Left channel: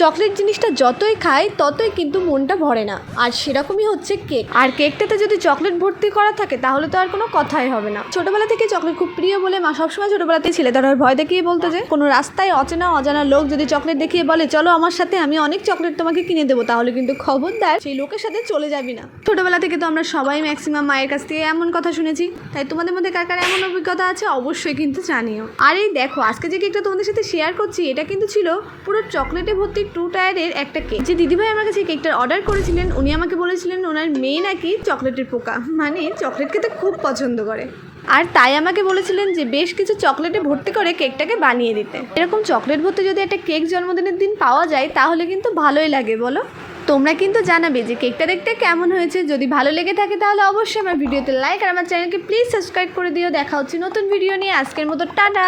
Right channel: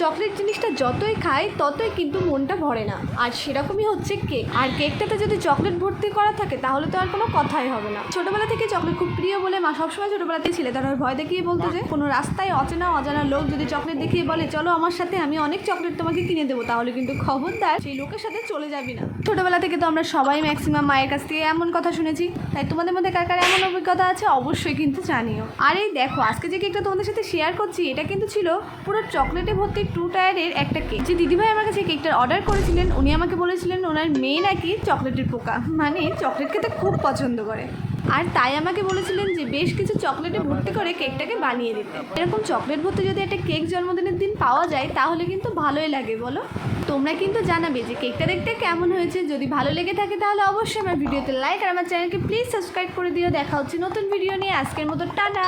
Chocolate জিনিসটা যতই খাই ততই কিন্তু মনটা ভরে না, আর সেরকমই হচ্ছে কেক। আর কেকটাতে যদি চকলেট ভর্তি করা থাকে তাহলে তো আর কোনো কথাই হবে না। ছোটোবেলা থেকে চকলেট খুব প্রিয় বলে মা সবসময় ছোটোবেলাতেই ছেলেদের ভয় দেখিয়ে বলতে যে কোনো রাস্তায় অজানা লোক যদি চকলেট দেখিয়ে বলে চলো আমার সাথে, আমি অনেক চকলেট তোমাকে কিনে দেবো, তাহলে কিন্তু খবরদার সেই লোকের সাথে চলে যাবি না। ছোটোবেলা থেকে তো আমরা সবাই ম্যাক্সিমাম মায়ের কাছ থেকে এমন কথা শুনেছি, তাই তোমাদের মধ্যে কার কার এমন অভিজ্ঞতা আছে অবশ্যই কিন্তু জানিও। আর এই দেখো আজকে যে কেকটা তোমাদের সাথে শেয়ার করছি, এটা কিন্তু ছিল পুরো চকলেটে ভর্তি 2 টায়ারের একটা কেক। যে দিদিভাই আমার কাছে কেকটার অর্ডার করেছিলেন উনি আমাকে বলেছিলেন ওনার মেয়ে নাকি চকলেটের পোকা, মানে চকলেট খেতে খুব পছন্দ করে, আর তাই আমাকে বলেছিলেন যে বেশ কিছু চকলেটে ভর্তি করে কেকটাকে বানিয়ে দিতে। এরকম চকলেট ভর্তি যদি একটা কেক জন্মদিনের দিন পাওয়া যায় তাহলে কিন্তু ভালোই লাগে, বলো? তোমরা কিন্তু জানাবে যে কেকটা দেখতে কেমন হয়েছে। যদি ভালো লেগে থাকে তাহলে অবশ্যই আমার ভিডিওতে লাইক আর আমার চ্যানেলকে প্লিজ সাবস্ক্রাইব করে দিও। দেখা হচ্ছে নতুন ভিডিও নিয়ে, আজকের মতো টাটা।